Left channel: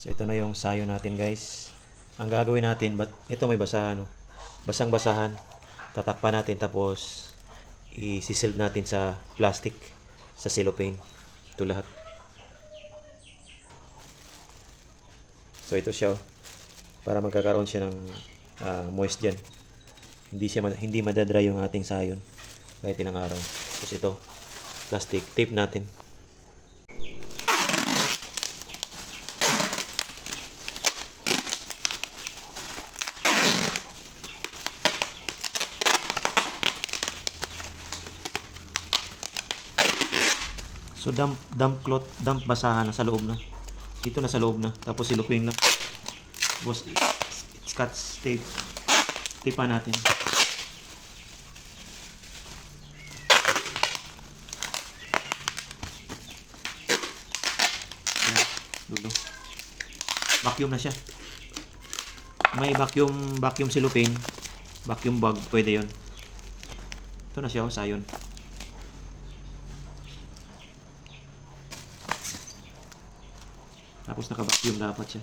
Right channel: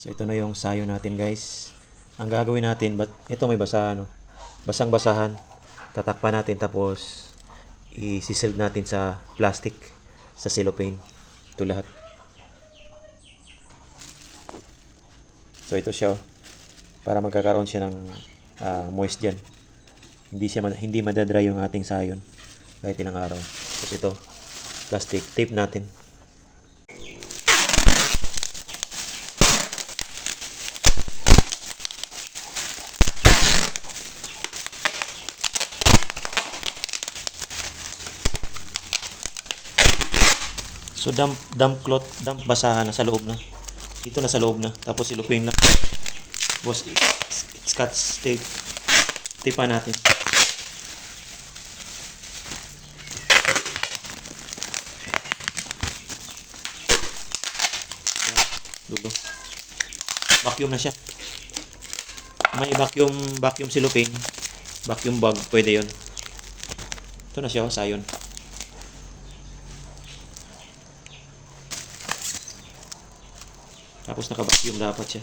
So ito na yung sayo natin, guys. Ang gagawin natin, ito may basahan, no? Basang-basahan. Tatakpan natin tapos i-sild natin sa plastic, sa cellophane. Ito lahat. So ito siya, oh. Para magkakaroon siya ng moist dyan. Hindi madadry yung ating sayon kahit ilang araw. So ito, plastic, tape natin. So damp cloth, damp basahan na sa loob na. Dito na sa loob na. Tapos silupin lang. Boss, scotch tape. Tipa natin. Dulo. Vacuum na siya. May vacuum cellophane, vacuum bag, pwede 'yon. Ito na siya, sayon. Tapos naka-vacuum dapat siya.